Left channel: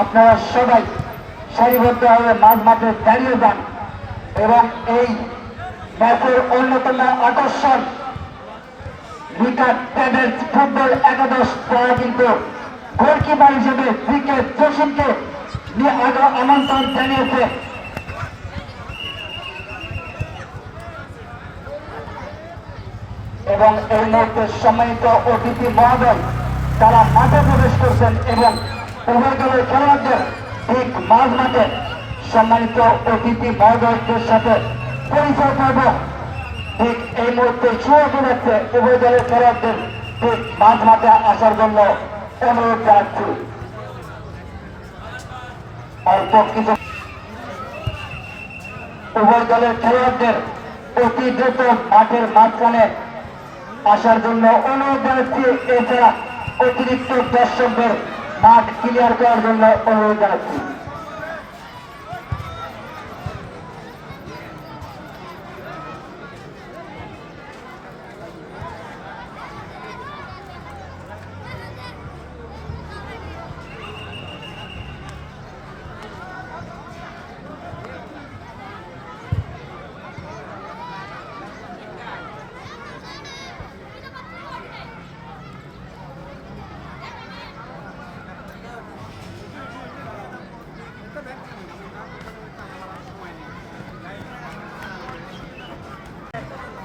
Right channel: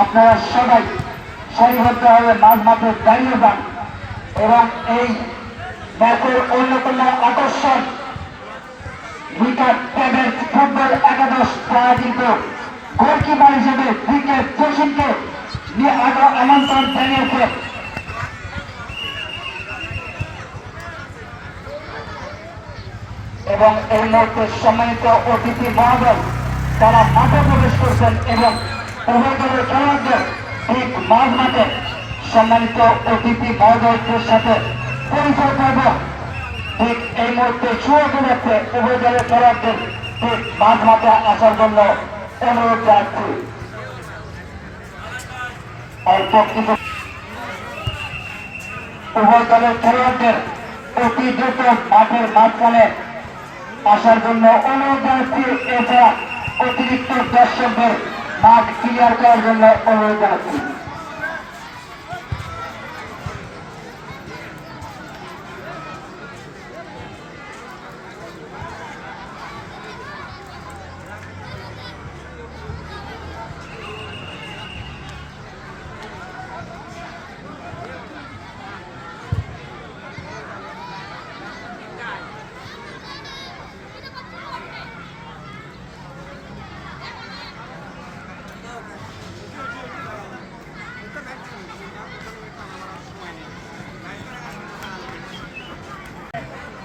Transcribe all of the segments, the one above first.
আপনারা সবাই মাঝ মাঠে দাঁড়িয়ে যান এবং এই ম্যাচের অন্যতম আকর্ষণ ফুটবল একাদশ তারা কিন্তু গোলকিপার হিসেবে আগা আমন্ত্রণ জানিয়েছে। এবং এই মুহূর্তে সম্মানিত অতিথি মহোদয় তারা মাঠে প্রবেশ করছেন এবং উভয় দলের ঠিক মাঝ মাঠে সম্মানিত অতিথি মহোদয়দের সাথে পরিচয় করব। ঠিক এই মুহূর্তে শুরু যাচ্ছে উভয় দলের খেলোয়াড়দের ঠিক মাঝ মাঠে আসার জন্য অনুরোধ জানাচ্ছি। অল্প কিছু উভয় দলের খেলোয়াড়দের অতি দ্রুত মাঠের মাঝখানে আসার জন্য অনুরোধ জানাচ্ছি। এছাড়া অতিরিক্ত দর্শকদের মাঠ ক্লিয়ার করার জন্য অনুরোধ জানাচ্ছি।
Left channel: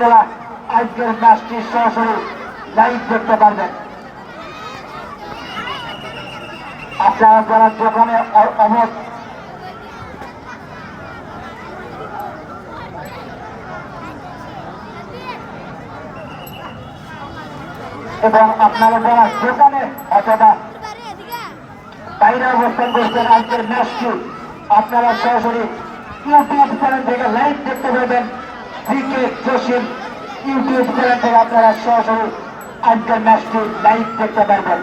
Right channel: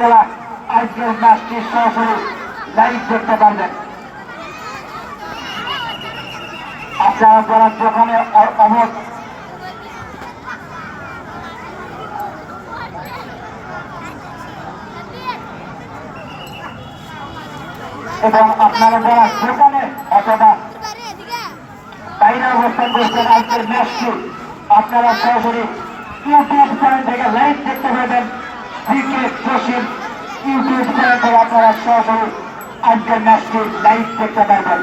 আপনারা আজকের ম্যাচটি সরাসরি লাইভ দেখতে পারবেন। আপনারা যারা দোকানে অ- অবস্থ এবং আপনারা যারা দোকানে অথবা বাইরে অবস্থান করছেন, আজকের ম্যাচটি আপনারা সরাসরি ইউটিউব চ্যানেল থেকে লাইভ দেখতে পাবেন ক্রিকেট জসিম ইউটিউব থেকে আপনারা সরাসরি আন্তর্জাতিক লাইভ করতে পারবেন